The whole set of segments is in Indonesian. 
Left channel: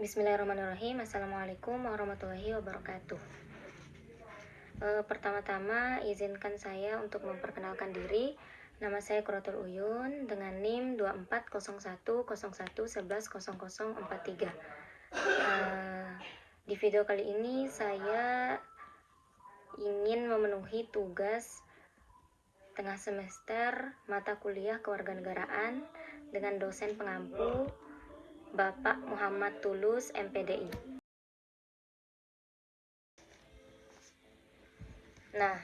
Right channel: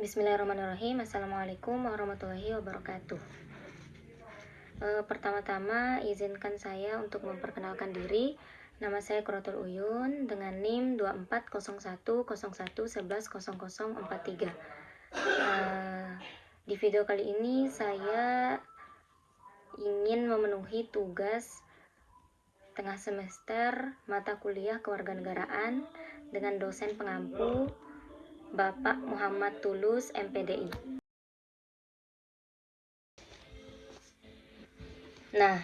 Bismillahirrahmanirrahim. Assalamualaikum warahmatullahi wabarakatuh. Pertama-tama izinkan saya untuk memperkenalkan diri. Nama saya Quratul Uyun dengan NIM 240101110043. Di video kali ini saya ingin memenuhi tugas tengah semester mata kuliah kewarganegaraan dengan dosen pengampu Bapak Muhammad Tulus, MPDI. Nah,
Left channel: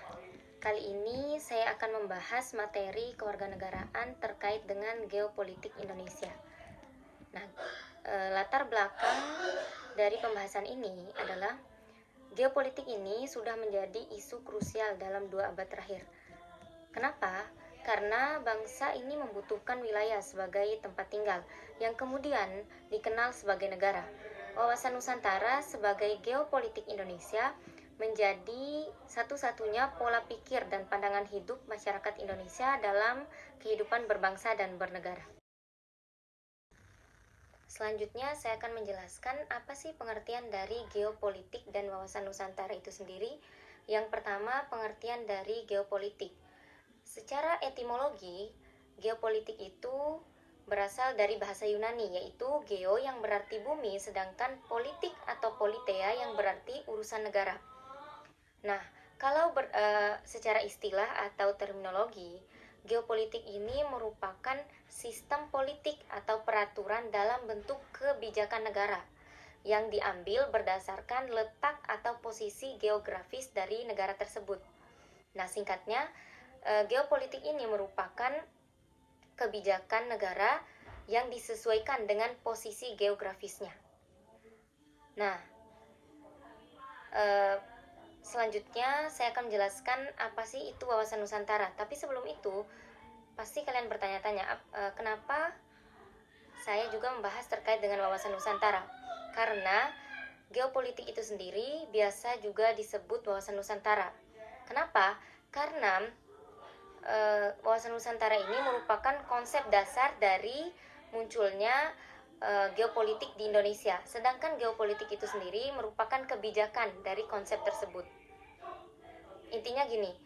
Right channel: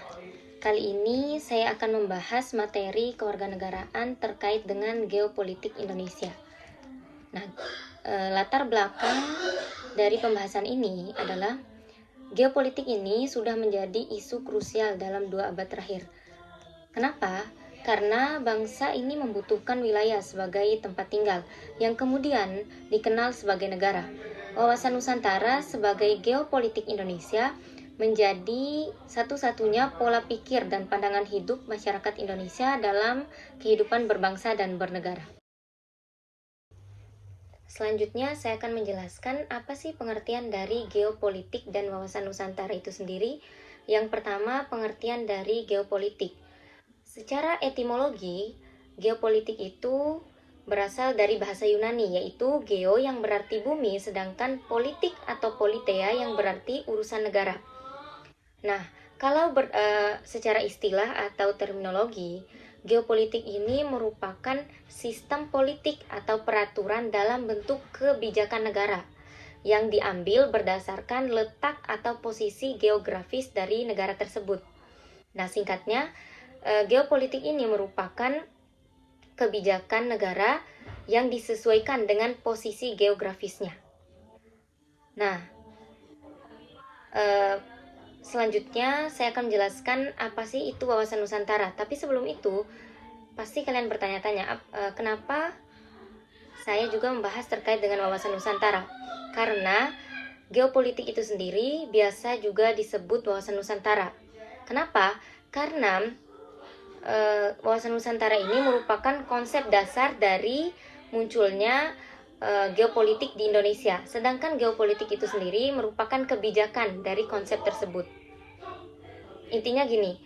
kali ini saya akan membahas materi kewarganegaraan terkait dengan geopolitik Indonesia. Nah, latar belakang dari pembahasan ini adalah geopolitik ini sudah menjadi isu krusial dalam 2 abad terakhir. Kenapa? Karena bangsa ini membutuhkan wilayah sebagai tempat tinggal yang kemudian dikenal sebagai negara. Wawasan Nusantara sebagai geopolitik Indonesia menjadi satu-satunya pola pikir dan pandangan hidup masyarakat Indonesia dalam kehidupan berbangsa dan bernegara. Selanjutnya saya akan menjelaskan apa sih pengertian dari geopolitik dan wawasan Nusantara itu sendiri. Yang pertama, pengertian dari geopolitik. Secara etimologi, geopolitik itu berasal dari bahasa Yunani, yaitu geo yang berarti bumi, sedangkan politik atau politea yang berarti urusan negara. Nah, kalau secara istilah atau terminologi, geopolitik ini merupakan sistem politik atau peraturan dalam bentuk kebijakan negara yang diambil berdasarkan letak atau posisi geografis dari negara tersebut. Nah, singkatnya, geopolitik ini merupakan kebijakan negara yang disesuaikan dengan posisi geografisnya. Nah, selanjutnya saya akan menjelaskan apa sih itu wawasan Nusantara. Tapi sebelum itu, pasti kalian bertanya-tanya, kenapa saya juga membahas terkait dengan wawasan Nusantara? Karena geopolitik itu sendiri biasa juga disebut wawasan Nusantara. Kenapa? Karena wawasan Nusantara ini merupakan konsep dasar dari munculnya geopolitik di Indonesia. Sedangkan geopolitik itu sendiri merupakan kebijakan dari konsep tersebut. Intinya gini,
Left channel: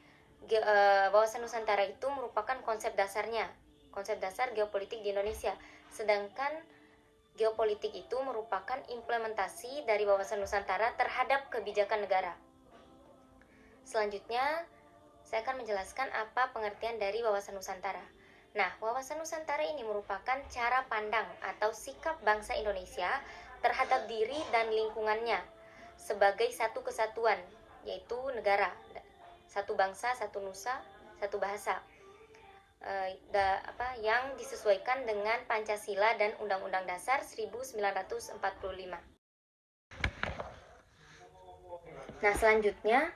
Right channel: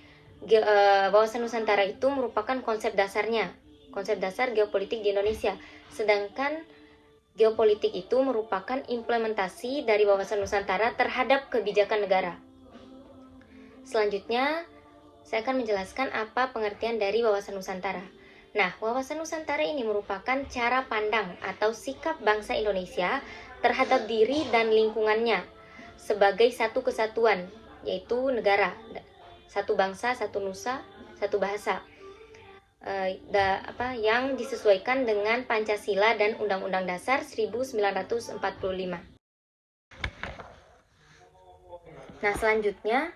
wawasan Nusantara itu merupakan konsep dasarnya, konsep dasar geopolitik di Indonesia. Sedangkan geopolitik itu merupakan implementasi dari wawasan Nusantara terhadap kebijakan negara. Selanjutnya, saya akan menjelaskan apa pengertian dari wawasan Nusantara. Nah, wawasan Nusantara ini merupakan cara pandang atau sikap bangsa Indonesia terhadap diri dan lingkungannya sebagai satu kesatuan, yaitu negara, satu bangsa, satu nusa, satu bahasa, yang disesuaikan dengan Pancasila dan Undang-Undang Dasar 1945. Nah, selanjutnya,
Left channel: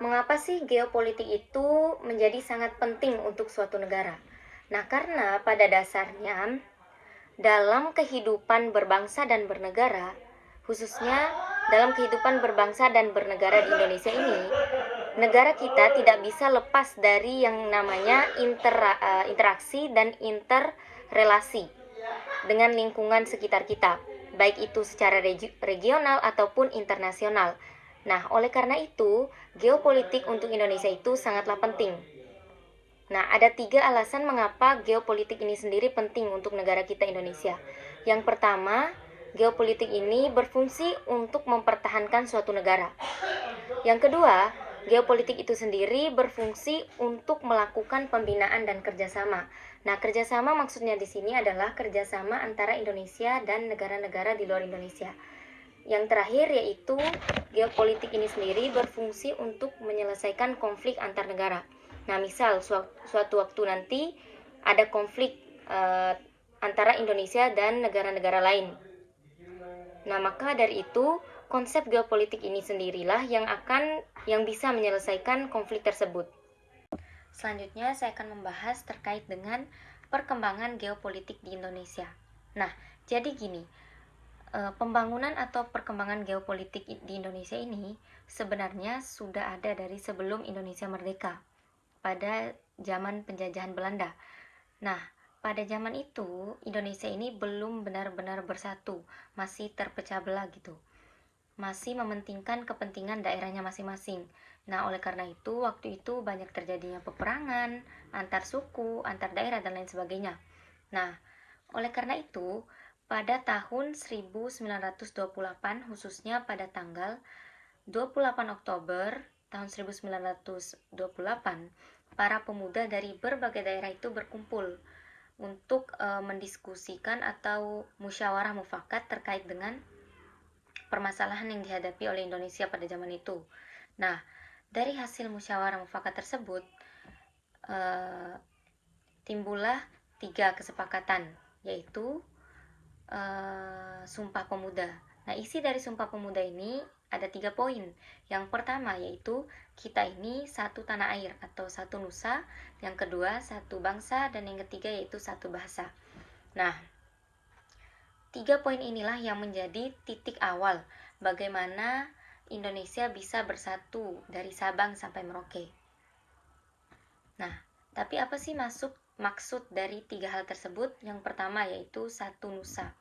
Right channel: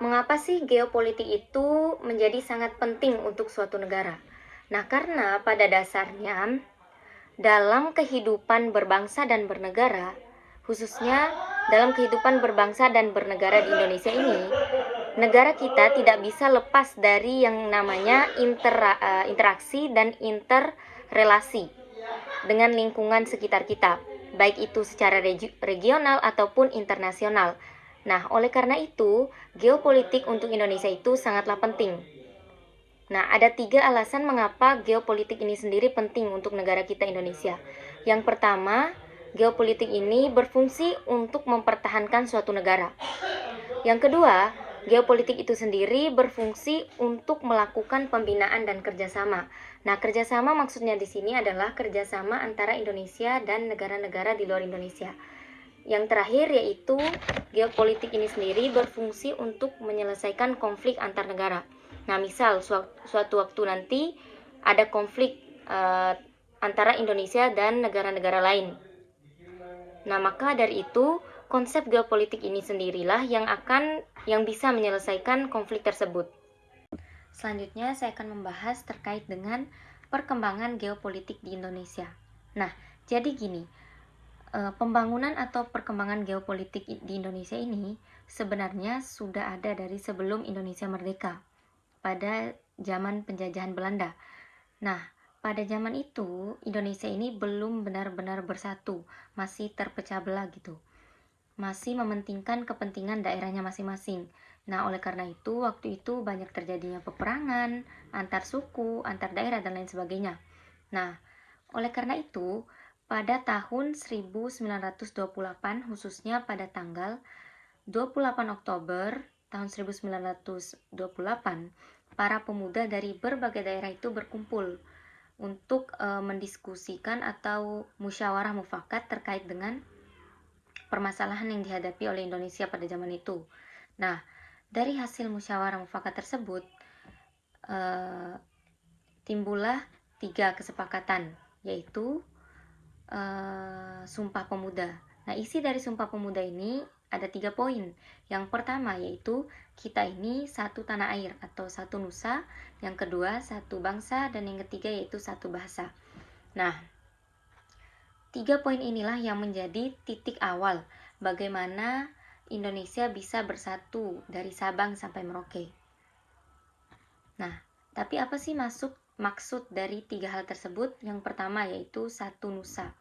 mengapa sih geopolitik itu menjadi sangat penting untuk suatu negara? Nah, karena pada dasarnya dalam kehidupan berbangsa dan bernegara, khususnya dalam kehidupan berbangsa dan bernegara di Indonesia ini, negara kita tidak bisa lepas dari yang namanya interaksi dan interrelasi dengan lingkungan sekitar kita, baik itu secara regional ataupun internasional. Nah, oleh karena itu, geopolitik untuk Indonesia itu sangatlah penting. Nah, ada 3 alasan mengapa geopolitik ini sendiri penting untuk negara kita Indonesia. Yang pertama, geopolitik ini berfungsi untuk mempertahankan suatu negara. Yang kedua, geopolitik itu sendiri berfungsi untuk melakukan pembinaan dan kerjasama. Nah, kerjasama maksudnya di sini adalah kerjasama antara Indonesia dan negara-negara di luar Indonesia. Yang terakhir yaitu geopolitik ini sendiri berfungsi untuk menyelesaikan konflik antar negara. Nah, misal suatu waktu nanti ada konflik antara Indonesia dan negara-negara lain. Nah, maka dari itu konsep geopolitik ini sendirilah yang bisa menyelesaikan konflik tersebut. Selanjutnya saya akan membahas terkait dengan perkembangan geopolitik di Indonesia. Nah, jadi gini, pembangunan atau perkembangan geopolitik di Indonesia ini sebenarnya sudah ada dari sebelum Indonesia merdeka pada zaman penjajahan Belanda. Nah, pada zaman itu Indonesia ini belum benar-benar bersatu, masih terpecah belah gitu. Masih mementingkan kepentingan daerahnya masing-masing. Nah, oleh karena itu waktu itu banyak terjadinya peperangan antar suku, antar daerah dan lain sebagainya. Nah, oleh karena itu pada tahun 1928 khususnya pada tanggal 28 Oktober tahun 1928, para pemuda dari berbagai daerah itu berkumpul untuk mendiskusikan atau musyawarah mufakat terkait dengan permasalahan yang dihadapi oleh Indonesia pada zaman itu. Nah, dari hasil musyawarah mufakat tersebut timbullah 3 kesepakatan, yaitu Sumpah Pemuda. Nah, isi dari Sumpah Pemuda ini ada 3 poin. Yang pertama yaitu kita ini satu tanah air atau satu nusa, yang kedua satu bangsa, dan yang ketiga yaitu satu bahasa. Nah, 3 poin inilah yang menjadi titik awal bagaimana Indonesia bisa bersatu dari Sabang sampai Merauke. Nah, tapi apa sih maksud dari 3 hal tersebut? Yang pertama yaitu satu nusa.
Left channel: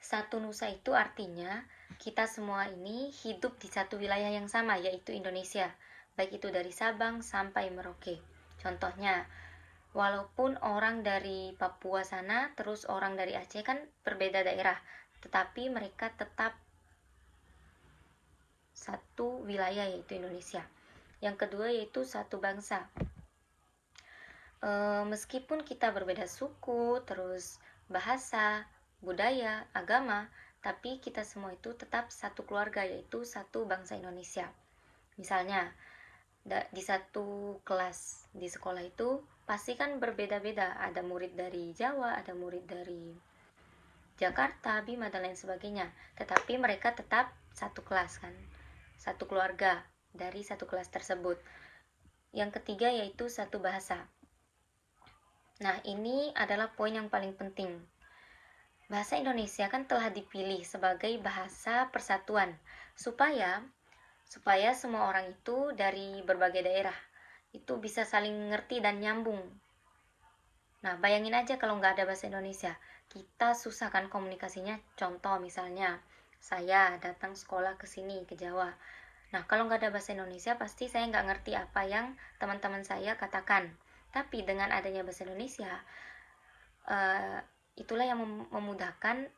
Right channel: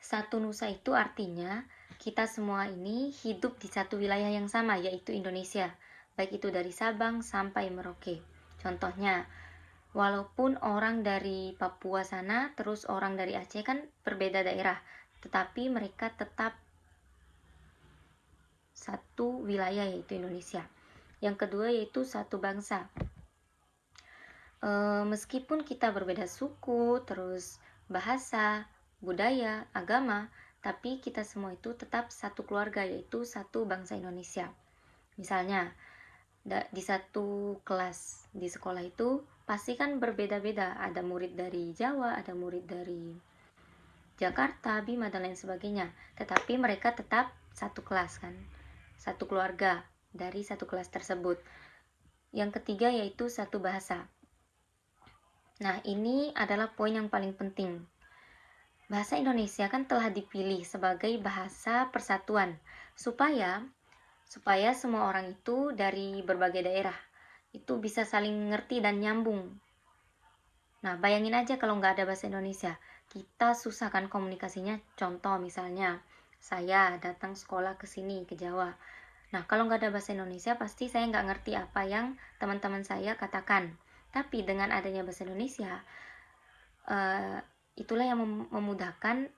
Satu nusa itu artinya kita semua ini hidup di satu wilayah yang sama, yaitu Indonesia, baik itu dari Sabang sampai Merauke. Contohnya, walaupun orang dari Papua sana terus orang dari Aceh kan berbeda daerah, tetapi mereka tetap satu wilayah yaitu Indonesia. Yang kedua yaitu satu bangsa. Meskipun kita berbeda suku, terus bahasa, budaya, agama, tapi kita semua itu tetap satu keluarga, yaitu satu bangsa Indonesia. Misalnya, di satu kelas di sekolah itu pasti kan berbeda-beda, ada murid dari Jawa, ada murid dari Jakarta, Bima, dan lain sebagainya, tetapi mereka tetap satu kelas kan, satu keluarga dari satu kelas tersebut. Yang ketiga yaitu satu bahasa. Nah, ini adalah poin yang paling penting. Bahasa Indonesia kan telah dipilih sebagai bahasa persatuan supaya semua orang itu dari berbagai daerah itu bisa saling ngerti dan nyambung. Nah, bayangin aja kalau nggak ada bahasa Indonesia, kita susah kan komunikasinya. Contoh misalnya, saya datang sekolah ke sini, ke Jawa. Nah, kalau nggak ada bahasa Indonesia, pasti saya nggak ngerti apa yang teman-teman saya katakan. Tapi dengan adanya bahasa Indonesia, itulah yang memudahkan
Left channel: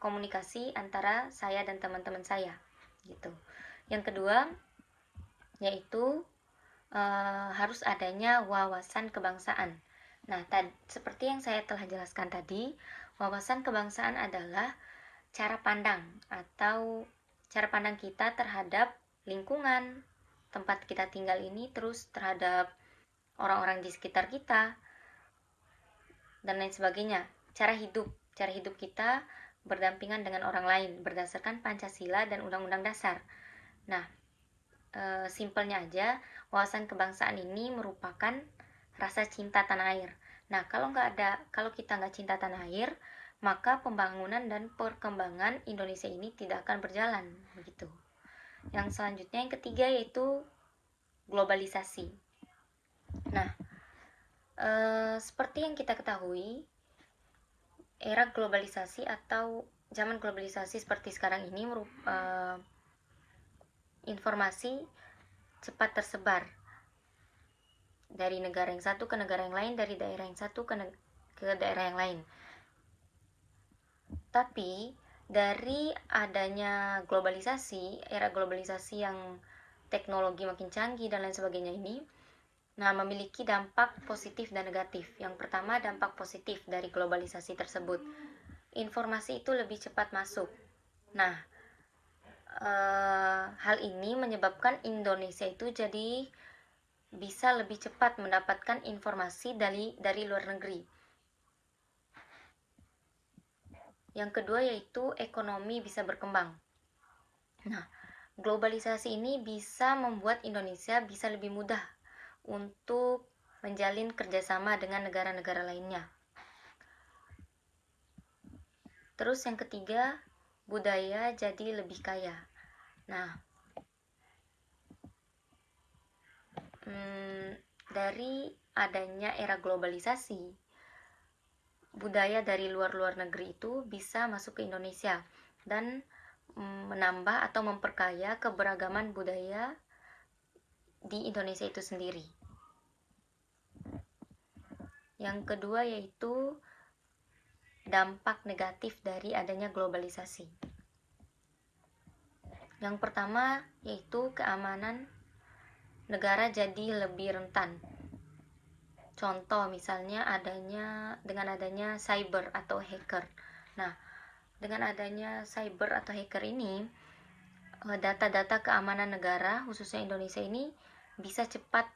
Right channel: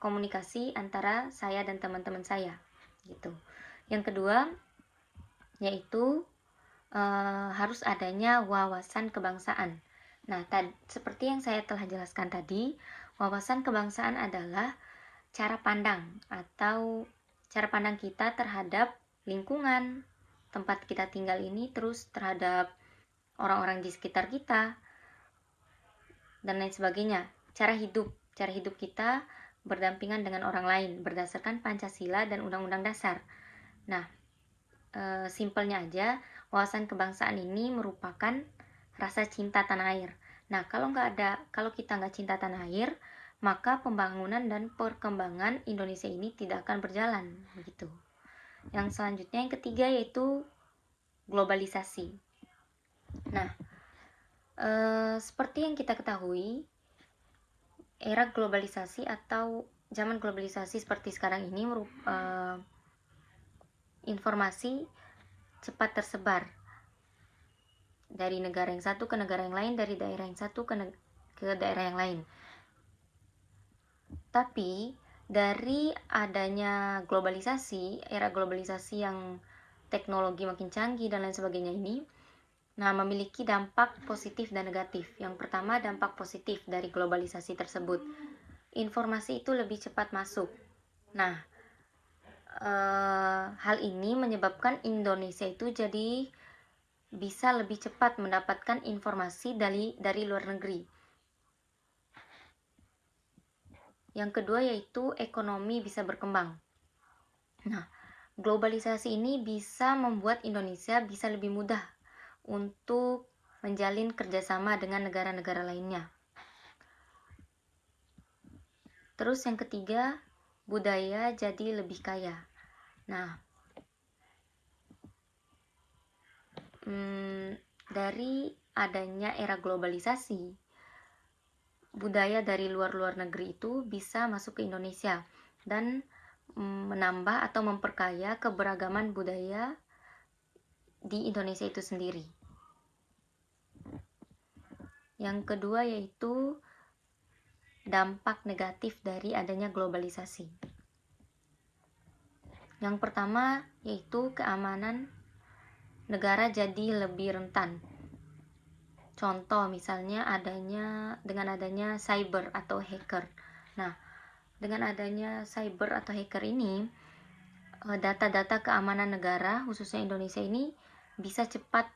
komunikasi antara saya dan teman-teman saya, gitu. Yang kedua, yaitu harus adanya wawasan kebangsaan. Nah, seperti yang saya telah jelaskan tadi, wawasan kebangsaan adalah cara pandang atau cara pandang kita terhadap lingkungan tempat kita tinggal ini, terus terhadap orang-orang di sekitar kita dan lain sebagainya. Cara hidup kita berdampingan dengan orang lain berdasarkan Pancasila dan Undang-Undang Dasar. Nah, simpelnya aja, wawasan kebangsaan ini merupakan rasa cinta tanah air. Nah, kalau kita nggak cinta tanah air, maka pembangunan dan perkembangan Indonesia ini tidak akan berjalan, begitu. Yang selanjutnya, yang ketiga yaitu globalisasi. Nah, seperti yang kita ketahui, era globalisasi atau zaman globalisasi seperti sekarang ini informasi cepat tersebar dari negara yang satu ke negara yang lain, dari daerah yang satu ke daerah yang lain. Tapi dari adanya globalisasi, era globalisasi yang teknologi makin canggih dan lain sebagainya ini, nah, memiliki dampak positif dan negatif. Yang pertama, dampak positif dari globalisasi tersebut, informasi itu lebih cepat masuk. Nah, hal ini menyebabkan Indonesia itu jadi bisa lebih cepat mendapatkan informasi dari luar negeri. Yang kedua yaitu ekonomi bisa berkembang. Nah, globalisasi ini bisa membuat Indonesia bisa lebih mudah untuk menjalin kerjasama dengan negara-negara lainnya. Terus yang ketiga, budaya jadi lebih kaya. Nah, dari adanya era globalisasi, budaya dari luar negeri itu bisa masuk ke Indonesia dan menambah atau memperkaya keberagaman budaya di Indonesia itu sendiri. Yang kedua yaitu dampak negatif dari adanya globalisasi. Yang pertama yaitu keamanan negara jadi lebih rentan. Contoh misalnya dengan adanya cyber atau hacker. Nah, dengan adanya cyber atau hacker ini, data-data keamanan negara khususnya Indonesia ini bisa cepat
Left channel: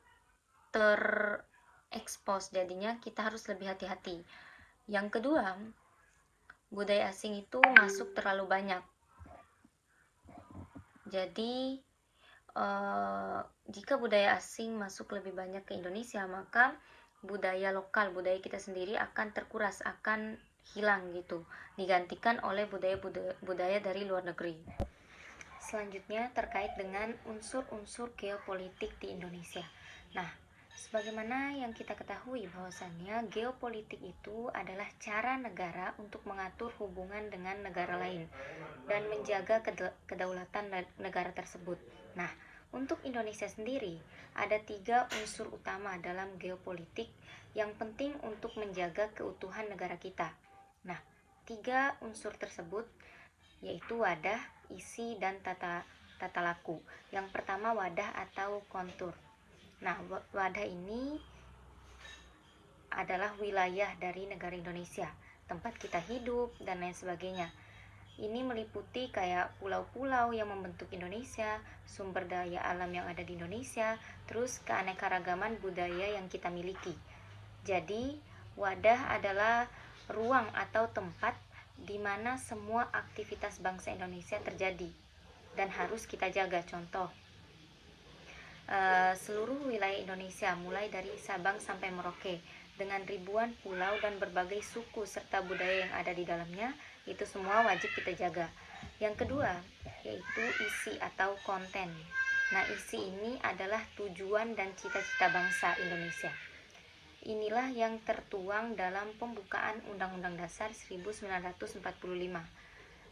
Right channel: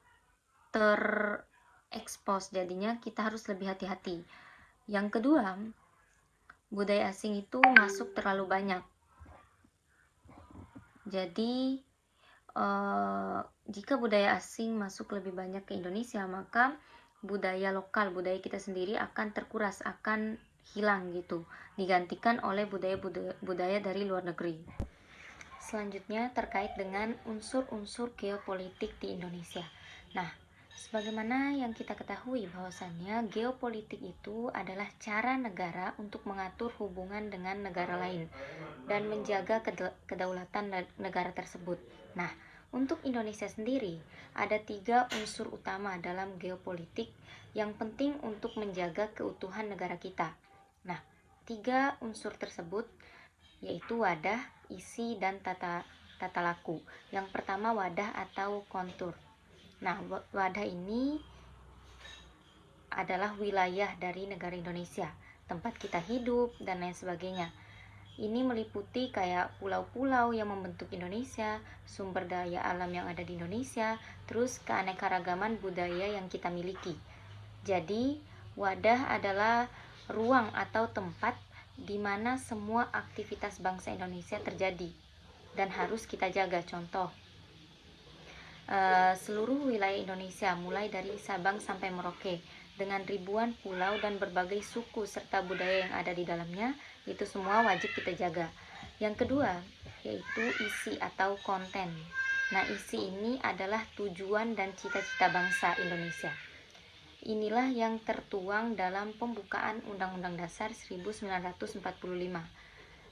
terekspos. Jadinya kita harus lebih hati-hati. Yang kedua, budaya asing itu masuk terlalu banyak. Jadi jika budaya asing masuk lebih banyak ke Indonesia, maka budaya lokal, budaya kita sendiri akan terkuras, akan hilang gitu, digantikan oleh budaya dari luar negeri. Selanjutnya terkait dengan unsur-unsur geopolitik di Indonesia. Nah, sebagaimana yang kita ketahui bahwasannya geopolitik itu adalah cara negara untuk mengatur hubungan dengan negara lain dan menjaga kedaulatan negara tersebut. Nah, untuk Indonesia sendiri, ada 3 unsur utama dalam geopolitik yang penting untuk menjaga keutuhan negara kita. Nah, 3 unsur tersebut yaitu wadah, isi, dan tata laku. Yang pertama wadah atau kontur. Nah, wadah ini adalah wilayah dari negara Indonesia, tempat kita hidup, dan lain sebagainya. Ini meliputi kayak pulau-pulau yang membentuk Indonesia, sumber daya alam yang ada di Indonesia, terus keanekaragaman budaya yang kita miliki. Jadi, wadah adalah ruang atau tempat di mana semua aktivitas bangsa Indonesia terjadi dan harus kita jaga. Contoh, seluruh wilayah Indonesia mulai dari Sabang sampai Merauke dengan ribuan pulau dan berbagai suku serta budaya yang ada di dalamnya, itu semua wajib kita jaga. Yang kedua yaitu isi atau konten. Nah, isi ini adalah tujuan dan cita-cita bangsa Indonesia. Inilah yang tertuang dalam pembukaan Undang-Undang Dasar 1945.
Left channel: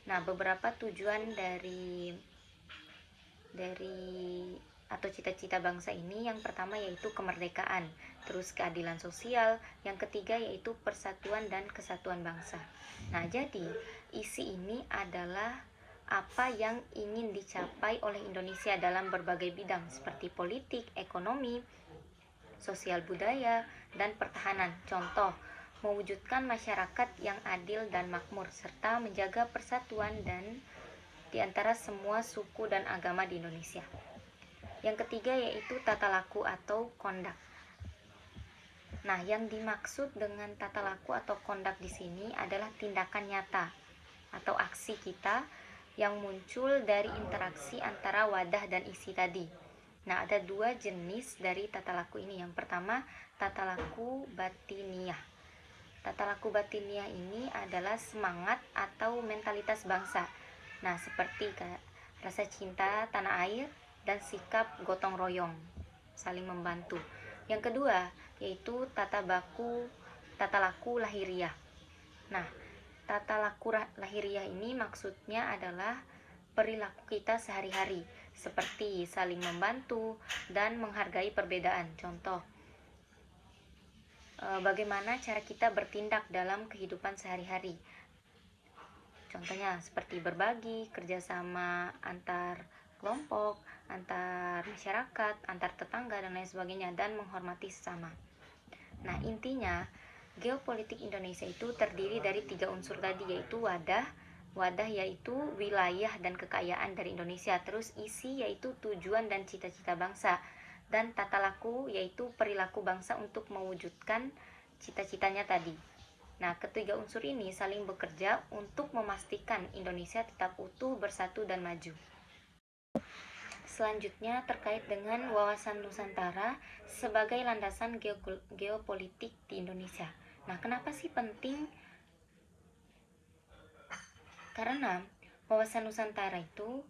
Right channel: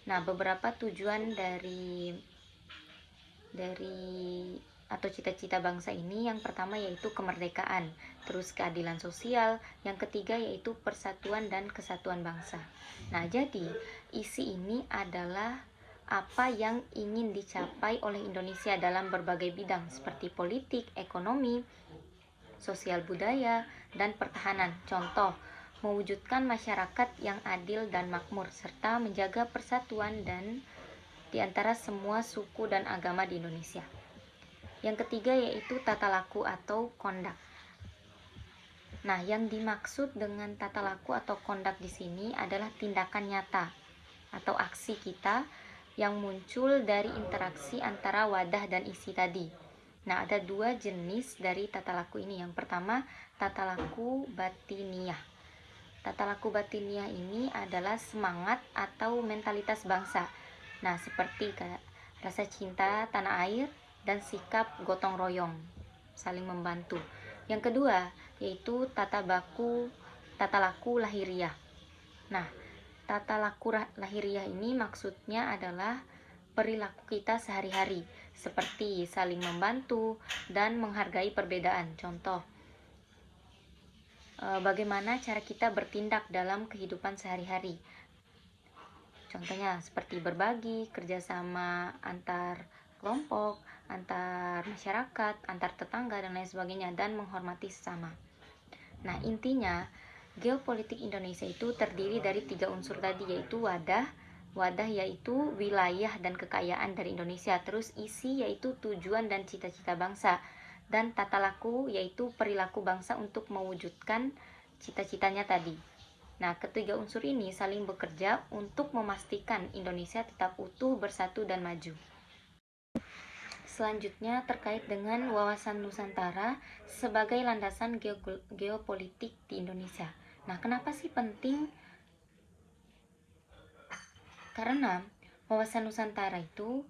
Nah, beberapa tujuan dari atau cita-cita bangsa ini, yang pertama yaitu kemerdekaan, terus keadilan sosial, yang ketiga yaitu persatuan dan kesatuan bangsa. Nah, jadi isi ini adalah apa yang ingin dicapai oleh Indonesia dalam berbagai bidang seperti politik, ekonomi, sosial budaya, dan pertahanan. Contoh, mewujudkan masyarakat yang adil dan makmur serta menjaga persatuan dan di antara semua suku dan agama di Indonesia. Yang ketiga yaitu tata laku atau kondak. Nah, yang dimaksud dengan tata laku atau kondak di sini adalah tindakan nyata atau aksi kita yang muncul dari interaksi antara wadah dan isi tadi. Nah, ada 2 jenis dari tata laku ini. Yang pertama, tata laku batiniah. Tata laku batiniah ini adalah semangat atau mentalitas bangsa. Nah, seperti rasa cinta tanah air dan sikap gotong royong, saling membantu. Yang kedua yaitu tata laku lahiriah. Nah, tata laku lahiriah ini maksudnya adalah perilaku kita sehari-hari, seperti saling membantu dan menghargai perbedaan. Contoh, bagaimana cara kita bertindak dalam kehidupan sehari-hari. Contohnya seperti berbagi, kerjasama antar kelompok, antar masyarakat, antar tetangga, dan lain sebagainya, dan menghormati sesama. Nah, intinya geopolitik Indonesia itu terdiri dari 3 unsur tadi, yaitu wadah yaitu wilayah dan kekayaan dari Indonesia, terus isi yaitu tujuan dan cita-cita bangsa, dan tata laku yaitu perilaku bangsa untuk mewujudkan cita-citanya tadi. Nah, ketiga unsur ini saling bekerja untuk memastikan Indonesia tetap utuh, bersatu, dan maju. Selanjutnya terkait dengan wawasan Nusantara sebagai landasan geopolitik di Indonesia. Nah, kenapa sih penting? Karena wawasan Nusantara itu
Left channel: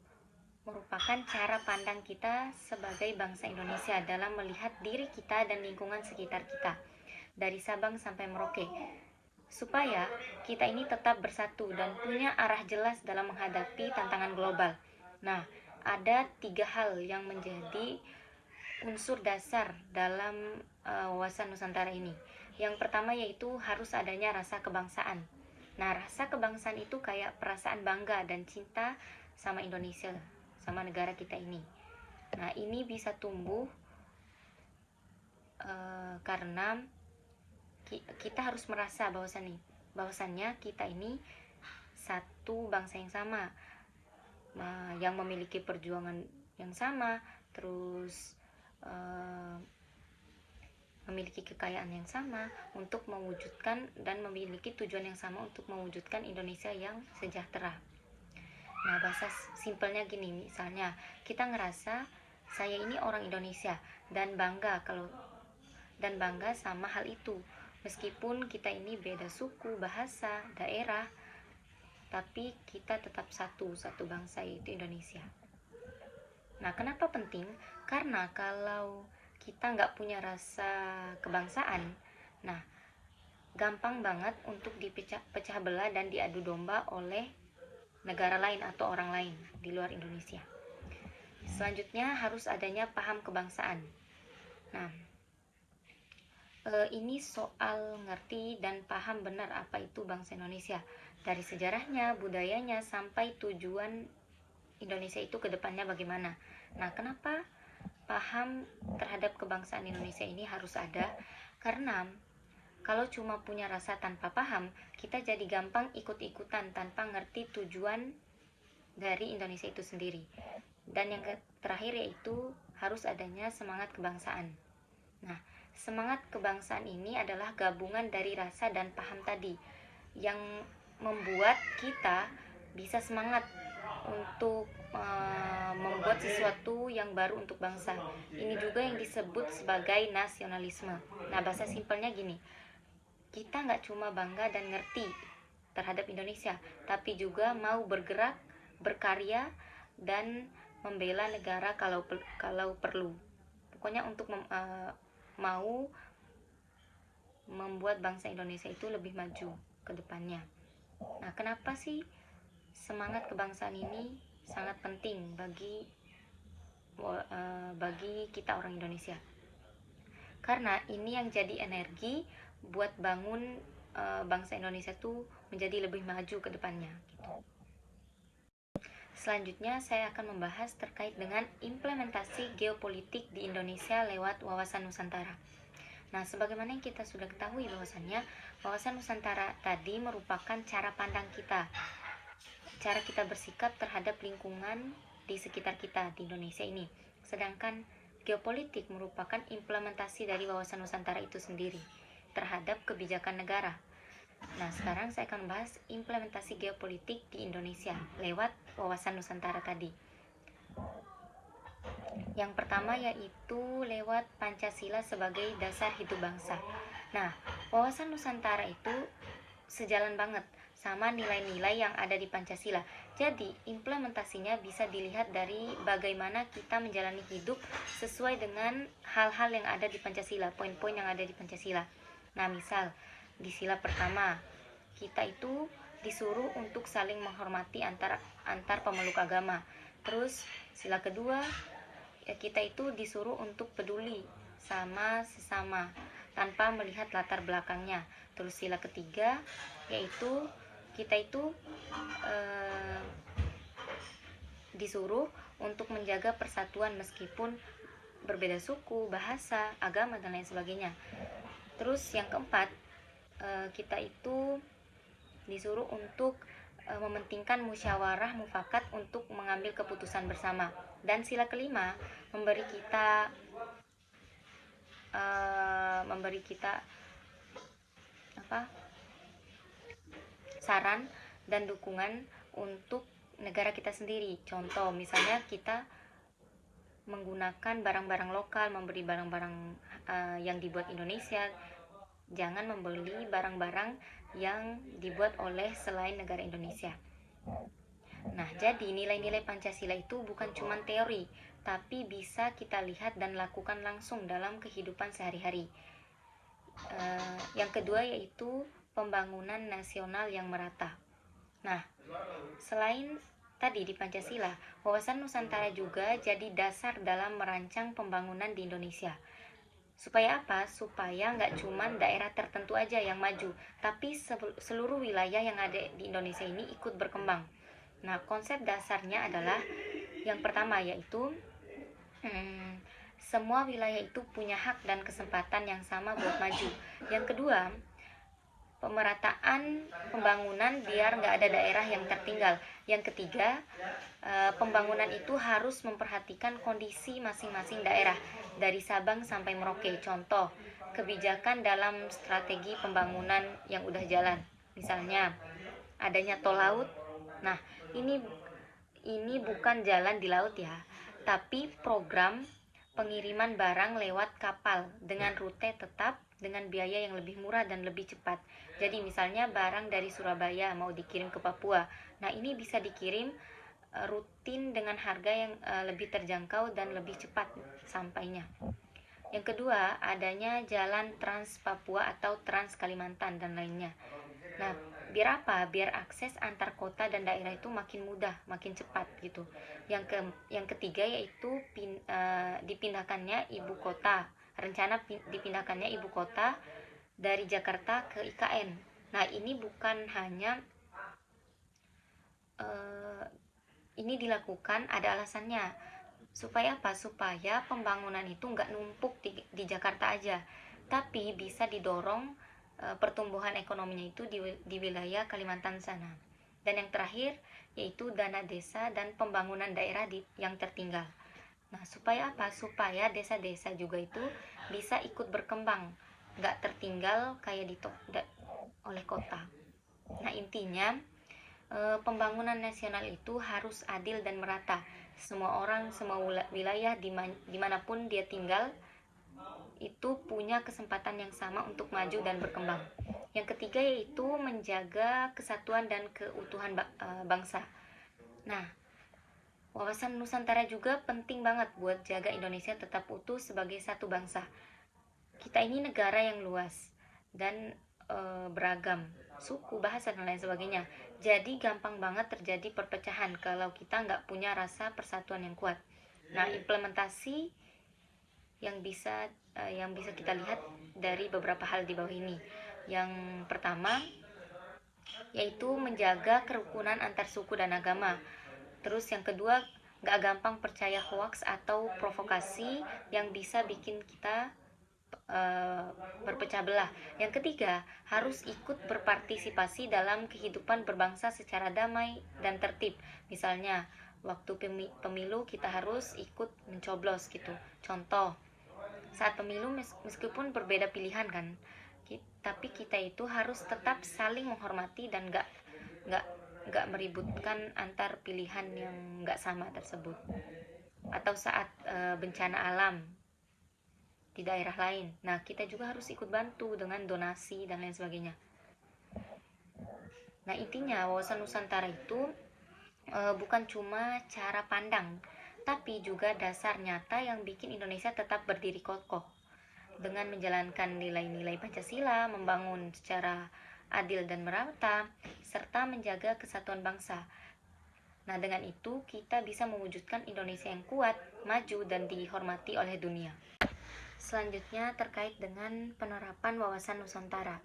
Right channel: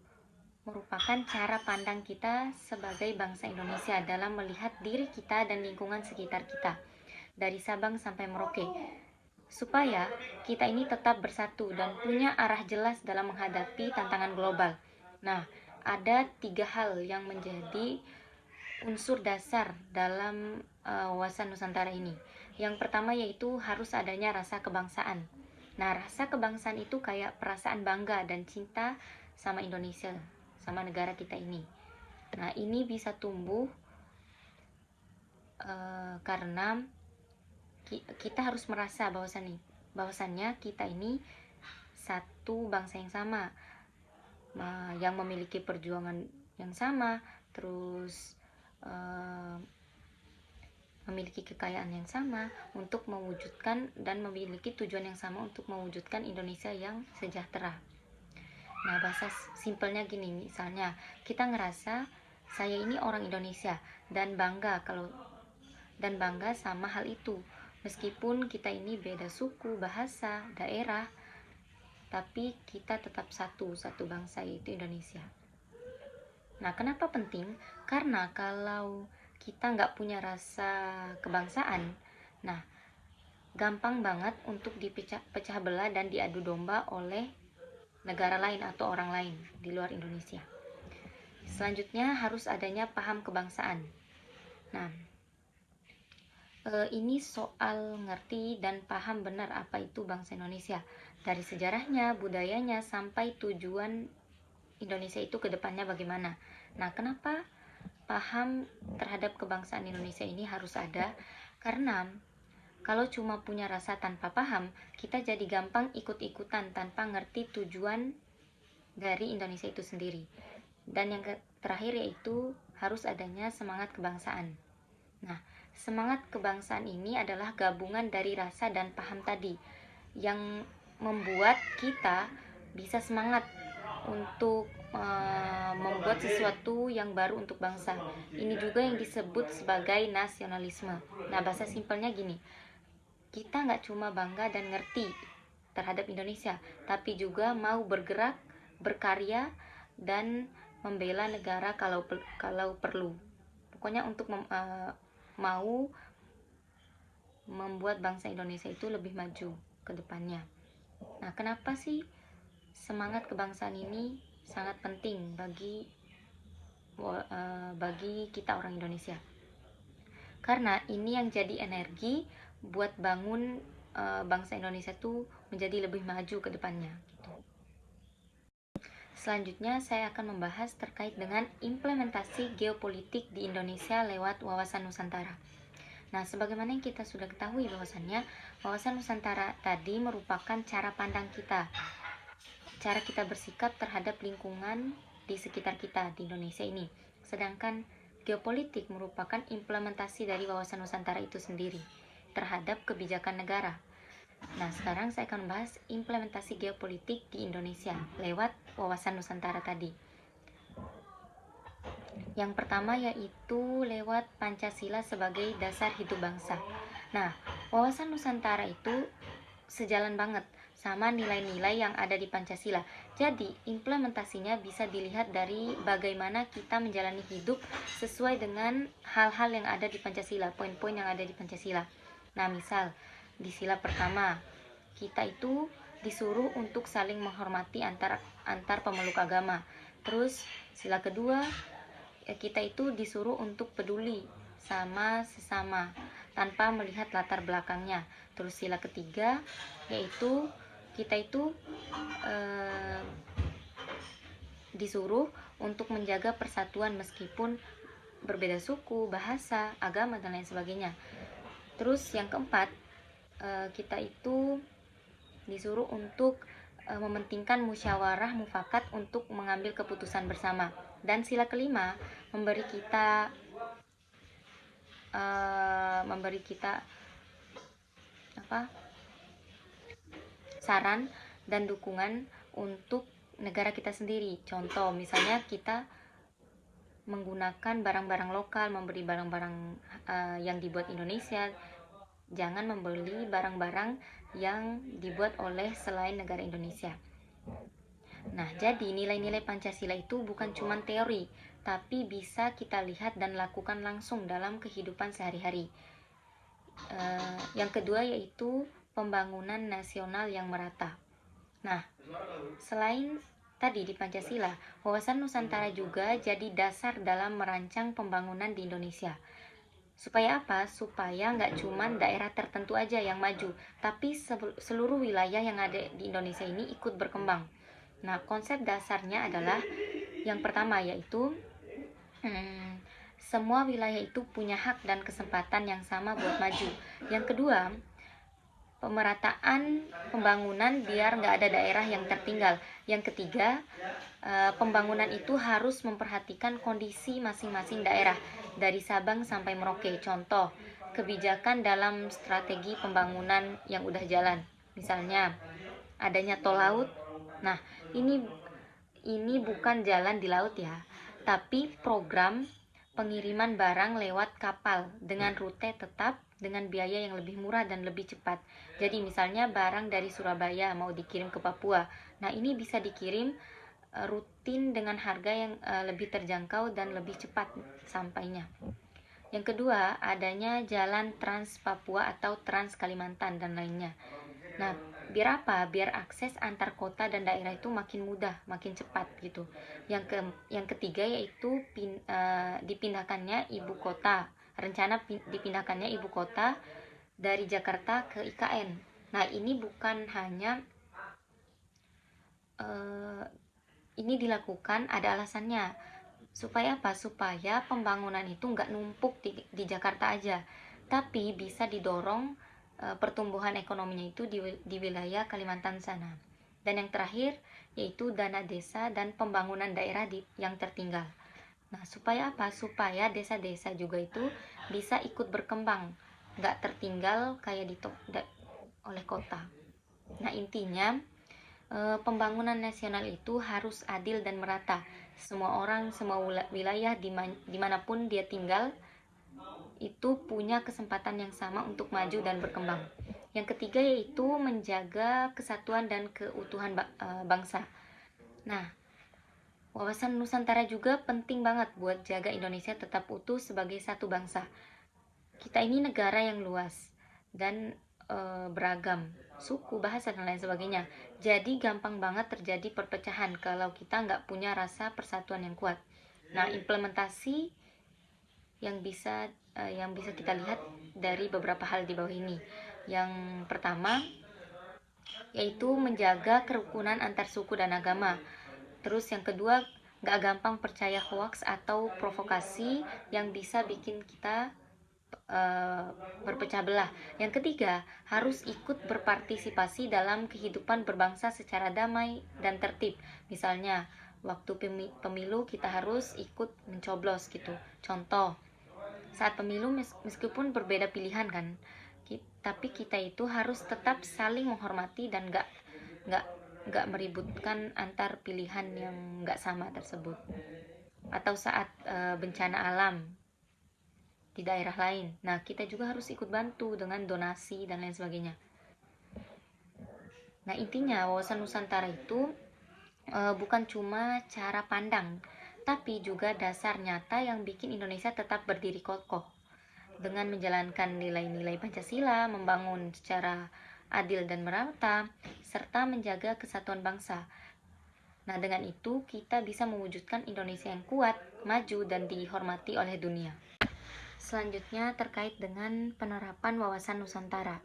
merupakan cara pandang kita sebagai bangsa Indonesia dalam melihat diri kita dan lingkungan sekitar kita, dari Sabang sampai Merauke, supaya kita ini tetap bersatu dan punya arah jelas dalam menghadapi tantangan global. Nah, ada 3 hal yang menjadi unsur dasar dalam wawasan Nusantara ini. Yang pertama yaitu harus adanya rasa kebangsaan. Nah, rasa kebangsaan itu kayak perasaan bangga dan cinta sama Indonesia, sama negara kita ini. Nah, ini bisa tumbuh karena kita harus merasa bahwasannya kita ini satu bangsa yang sama, yang memiliki perjuangan yang sama, terus memiliki kekayaan yang sama untuk mewujudkan dan memiliki tujuan yang sama untuk mewujudkan Indonesia yang sejahtera. Nah, bahasa simpelnya gini, misalnya kita ngerasa saya ini orang Indonesia dan bangga sama hal itu. Meskipun kita ini beda suku, bahasa, daerah, tapi kita tetap satu bangsa, yaitu Indonesia. Nah, kenapa penting? Karena kalau kita nggak punya rasa kebangsaan, nah gampang banget untuk dipecah belah dan diadu domba oleh negara lain atau orang lain di luar Indonesia. Selanjutnya harus adanya paham kebangsaan. Nah, ini soal ngerti dan paham benar apa itu bangsa Indonesia, dari sejarahnya, budayanya, sampai tujuan Indonesia itu ke depannya bagaimana. Nah, kenapa paham terhadap kebangsaan Indonesia ini harus ada? Karena kalau cuma punya rasa tanpa paham, kita jadi gampang ikut-ikutan tanpa ngerti tujuan dari Indonesia itu sendiri. Dan yang terakhir yaitu harus adanya semangat kebangsaan. Nah, semangat kebangsaan ini adalah gabungan dari rasa dan paham tadi yang membuat kita bisa semangat untuk membuat sesuatu yang baru untuk bangsa. Ini juga yang disebut sebagai nasionalisme. Nah, bahasa simpelnya gini, kita nggak cuma bangga dan ngerti terhadap Indonesia, tapi juga mau bergerak, berkarya, dan membela negara kalau perlu. Pokoknya untuk mau membuat bangsa Indonesia itu lebih maju ke depannya. Nah, kenapa sih semangat kebangsaan ini sangat penting bagi kita orang Indonesia? Karena ini yang jadi energi buat bangun bangsa Indonesia tuh menjadi lebih maju ke depannya gitu. Selanjutnya saya akan membahas terkait dengan implementasi geopolitik di Indonesia lewat wawasan Nusantara. Nah, sebagaimana yang kita sudah ketahui bahwasannya wawasan Nusantara tadi merupakan cara pandang kita, cara kita bersikap terhadap lingkungan di sekitar kita di Indonesia ini. Sedangkan geopolitik merupakan implementasi dari wawasan Nusantara itu sendiri terhadap kebijakan negara. Nah, sekarang saya akan membahas implementasi geopolitik di Indonesia lewat wawasan Nusantara tadi. Yang pertama yaitu lewat Pancasila sebagai dasar hidup bangsa. Nah, wawasan Nusantara itu sejalan banget sama nilai-nilai yang ada di Pancasila. Jadi, implementasinya bisa dilihat dari bagaimana kita menjalani hidup sesuai dengan hal-hal yang ada di Pancasila, poin-poin yang ada di Pancasila. Nah, misal di sila pertama, kita itu disuruh untuk saling menghormati antar pemeluk agama. Terus sila kedua, kita itu disuruh untuk peduli sama sesama tanpa melihat latar belakangnya. Terus sila ketiga yaitu kita itu disuruh untuk menjaga persatuan meskipun berbeda suku, bahasa, agama, dan lain sebagainya. Terus yang keempat, kita itu disuruh untuk mementingkan musyawarah mufakat untuk mengambil keputusan bersama. Dan sila kelima memberi kita saran dan dukungan untuk negara kita sendiri. Contoh, misalnya kita menggunakan barang-barang lokal, membeli barang-barang yang dibuat Indonesia, jangan membeli barang-barang yang dibuat oleh selain negara Indonesia. Nah, jadi nilai-nilai Pancasila itu bukan cuma teori, tapi bisa kita lihat dan lakukan langsung dalam kehidupan sehari-hari. Yang kedua yaitu pembangunan nasional yang merata. Nah, selain tadi di Pancasila, wawasan Nusantara juga jadi dasar dalam merancang pembangunan di Indonesia. Supaya apa? Supaya nggak cuma daerah tertentu aja yang maju, tapi seluruh wilayah yang ada di Indonesia ini ikut berkembang. Nah, konsep dasarnya adalah yang pertama yaitu semua wilayah itu punya hak dan kesempatan yang sama buat maju. Yang kedua, pemerataan pembangunan biar nggak ada daerah yang tertinggal. Yang ketiga, pembangunan itu harus memperhatikan kondisi masing-masing daerah dari Sabang sampai Merauke. Contoh, kebijakan dalam strategi pembangunan yang udah jalan. Misalnya, adanya tol laut. Nah, ini bukan jalan di laut ya, tapi program pengiriman barang lewat kapal dengan rute tetap dengan biaya yang lebih murah dan lebih cepat. Jadi misalnya barang dari Surabaya mau dikirim ke Papua. Nah, ini bisa dikirim rutin dengan harga yang lebih terjangkau dan lebih cepat sampainya. Yang kedua, adanya jalan Trans Papua atau Trans Kalimantan dan lainnya. Nah, biar apa? Biar akses antar kota dan daerah itu makin mudah, makin cepat gitu. Yang ketiga yaitu dipindahkannya ibu kota. Rencana dipindahkannya ibu kota dari Jakarta ke IKN. Nah, ini bukan hanya ini dilakukan, ada alasannya. Supaya apa? Supaya pembangunan itu nggak numpuk di Jakarta aja, tapi bisa didorong pertumbuhan ekonominya itu di wilayah Kalimantan sana. Dan yang terakhir yaitu dana desa dan pembangunan daerah yang tertinggal. Nah, supaya apa? Supaya desa-desa juga itu bisa ikut berkembang, nggak tertinggal kayak oleh kota. Nah, intinya pembangunan nasional itu harus adil dan merata. Semua orang, semua wilayah dimanapun dia tinggal itu punya kesempatan yang sama untuk maju dan berkembang. Yang ketiga yaitu menjaga kesatuan dan keutuhan bangsa. Nah, wawasan Nusantara juga penting banget buat jaga Indonesia tetap utuh sebagai satu bangsa. Kita ini negara yang luas dan beragam suku, bahasa, dan lain sebagainya. Jadi gampang banget terjadi perpecahan kalau kita nggak punya rasa persatuan yang kuat. Nah, implementasi yang bisa kita lihat dari beberapa hal di bawah ini. Yang pertama yaitu menjaga kerukunan antar suku dan agama. Terus yang kedua, nggak gampang percaya hoax atau provokasi yang bisa bikin kita berpecah belah. Yang ketiga, harus ikut berpartisipasi dalam kehidupan berbangsa secara damai dan tertib. Misalnya, waktu pemilu kita harus ikut mencoblos gitu. Contoh, saat pemilu meskipun berbeda pilihan kan, tapi kita itu harus tetap saling menghormati dan nggak meributkan antar pilihan yang nggak sama tersebut. Atau saat bencana alam di daerah lain. Nah, kita juga harus ikut bantu dengan donasi dan lain sebagainya. Nah, intinya wawasan Nusantara itu bukan cuma cara pandang, tapi juga dasar nyata yang bikin Indonesia tetap berdiri kokoh. Dengan menjalankan nilai-nilai Pancasila, membangun secara adil dan merata, serta menjaga kesatuan bangsa. Nah, dengan itu kita bisa mewujudkan Indonesia yang kuat, maju, dan dihormati oleh dunia. Selanjutnya terkait dengan penerapan wawasan Nusantara.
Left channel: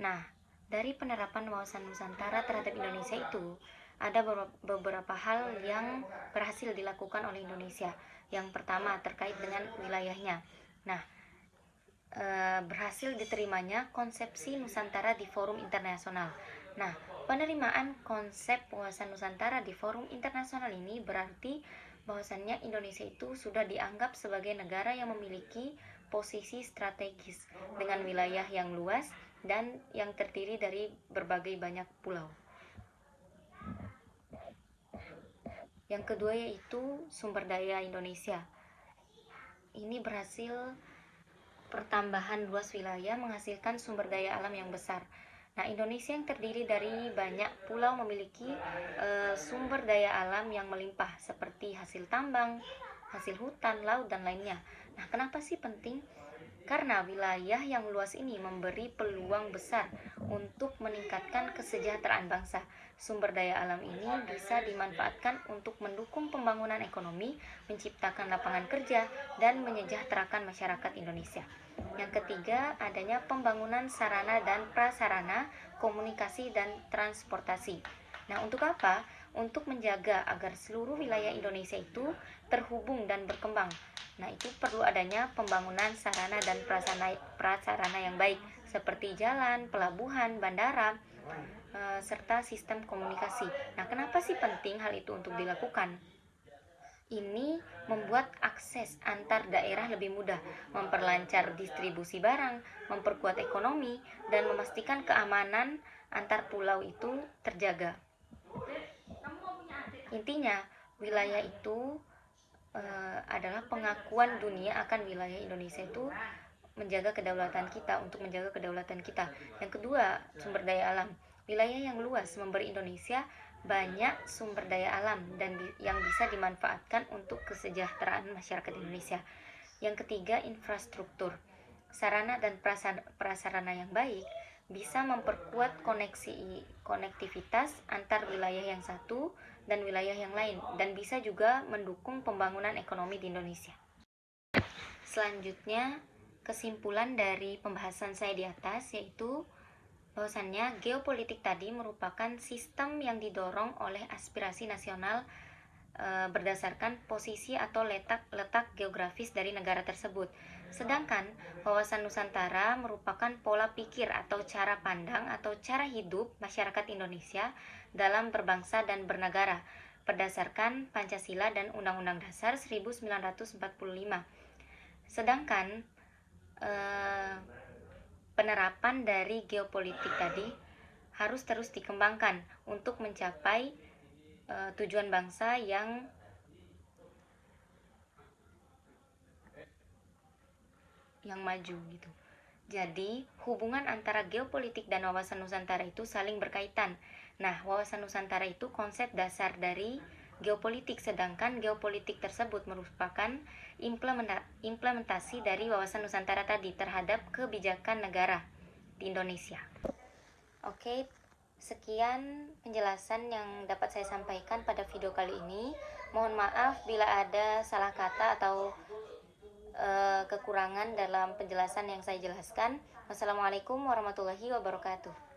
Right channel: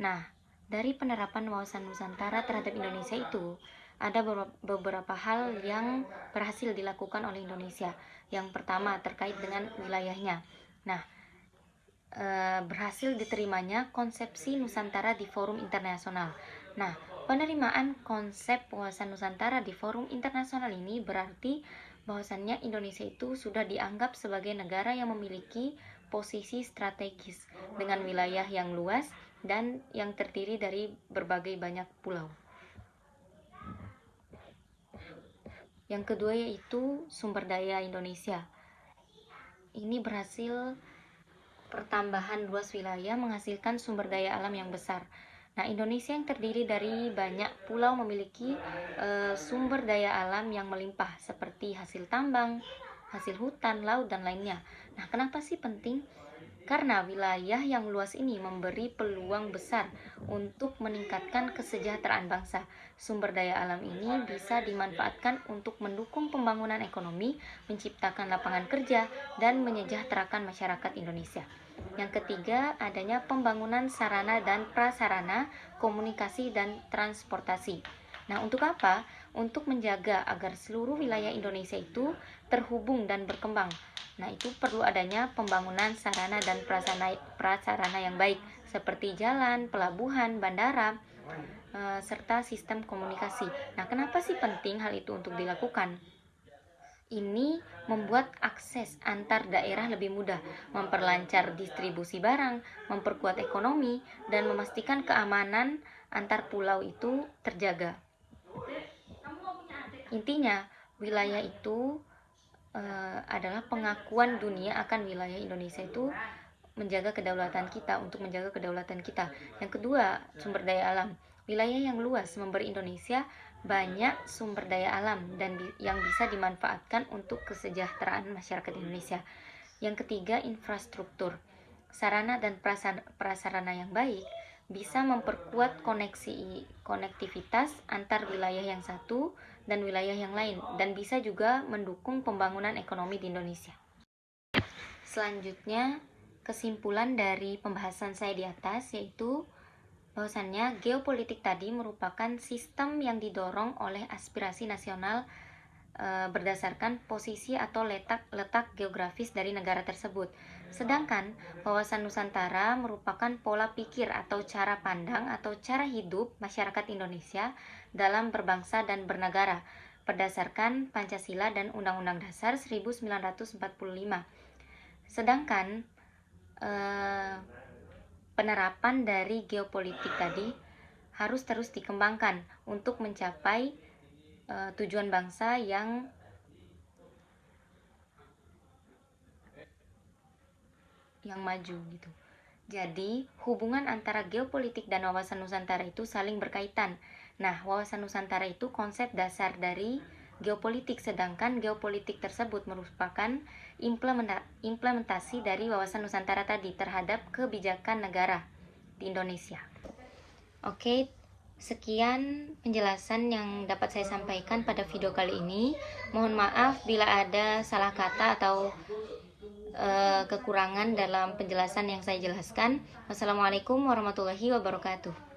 Nah, dari penerapan wawasan Nusantara terhadap Indonesia itu ada beberapa hal yang berhasil dilakukan oleh Indonesia. Yang pertama terkait dengan wilayahnya. Nah, berhasil diterimanya konsepsi Nusantara di forum internasional. Nah, penerimaan konsep wawasan Nusantara di forum internasional ini berarti bahwasannya Indonesia itu sudah dianggap sebagai negara yang memiliki posisi strategis dengan wilayah yang luas dan yang terdiri dari berbagai banyak pulau. Yang kedua yaitu sumber daya Indonesia. Ini berhasil pertambahan luas wilayah menghasilkan sumber daya alam yang besar. Nah, Indonesia yang terdiri dari banyak pulau memiliki sumber daya alam yang melimpah seperti hasil tambang, hasil hutan, laut, dan lainnya. Nah, kenapa sih penting? Karena wilayah yang luas ini memberi peluang besar untuk meningkatkan kesejahteraan bangsa. Sumber daya alam ini bisa dimanfaatkan untuk mendukung pembangunan ekonomi, menciptakan lapangan kerja, dan menyejahterakan masyarakat Indonesia. Yang ketiga, adanya pembangunan sarana dan prasarana, komunikasi, dan transportasi. Nah, untuk apa? Untuk menjaga agar seluruh wilayah Indonesia itu terhubung dan berkembang. Nah, itu perlu adanya pembangunan sarana dan prasarana yang baik seperti jalan, pelabuhan, bandara, serta sistem komunikasi. Nah, kenapa sih penting hal itu untuk dilakukan? Ini membuat akses antar daerah lebih mudah, memperlancar distribusi barang, memperkuat ekonomi, dan memastikan keamanan antar pulau itu terjaga. Intinya, wilayah itu adalah pengakuan dunia akan wilayah Indonesia itu menjaga kedaulatan kita, untuk menjaga kedaulatan kita. Yang kedua, sumber daya alam. Wilayah yang luas memberi Indonesia banyak sumber daya alam dan yang bisa dimanfaatkan untuk kesejahteraan masyarakat Indonesia. Yang ketiga, infrastruktur. Sarana dan prasarana yang baik bisa memperkuat konektivitas antar wilayah yang satu dan wilayah yang lain, dan bisa juga mendukung pembangunan ekonomi di Indonesia. Selanjutnya, kesimpulan dari pembahasan saya di atas yaitu bahwasannya geopolitik tadi merupakan sistem yang didorong oleh aspirasi nasional berdasarkan posisi atau letak geografis dari negara tersebut. Sedangkan wawasan Nusantara merupakan pola pikir atau cara pandang atau cara hidup masyarakat Indonesia dalam berbangsa dan bernegara berdasarkan Pancasila dan Undang-Undang Dasar 1945. Sedangkan penerapan dari geopolitik tadi harus terus dikembangkan untuk mencapai tujuan bangsa yang maju gitu. Jadi, hubungan antara geopolitik dan wawasan Nusantara itu saling berkaitan. Nah, wawasan Nusantara itu konsep dasar dari geopolitik, sedangkan geopolitik tersebut merupakan implementasi dari wawasan Nusantara tadi terhadap kebijakan negara di Indonesia. Oke, sekian penjelasan yang dapat saya sampaikan pada video kali ini. Mohon maaf bila ada salah kata atau kekurangan dalam penjelasan yang saya jelaskan. Wassalamualaikum warahmatullahi wabarakatuh.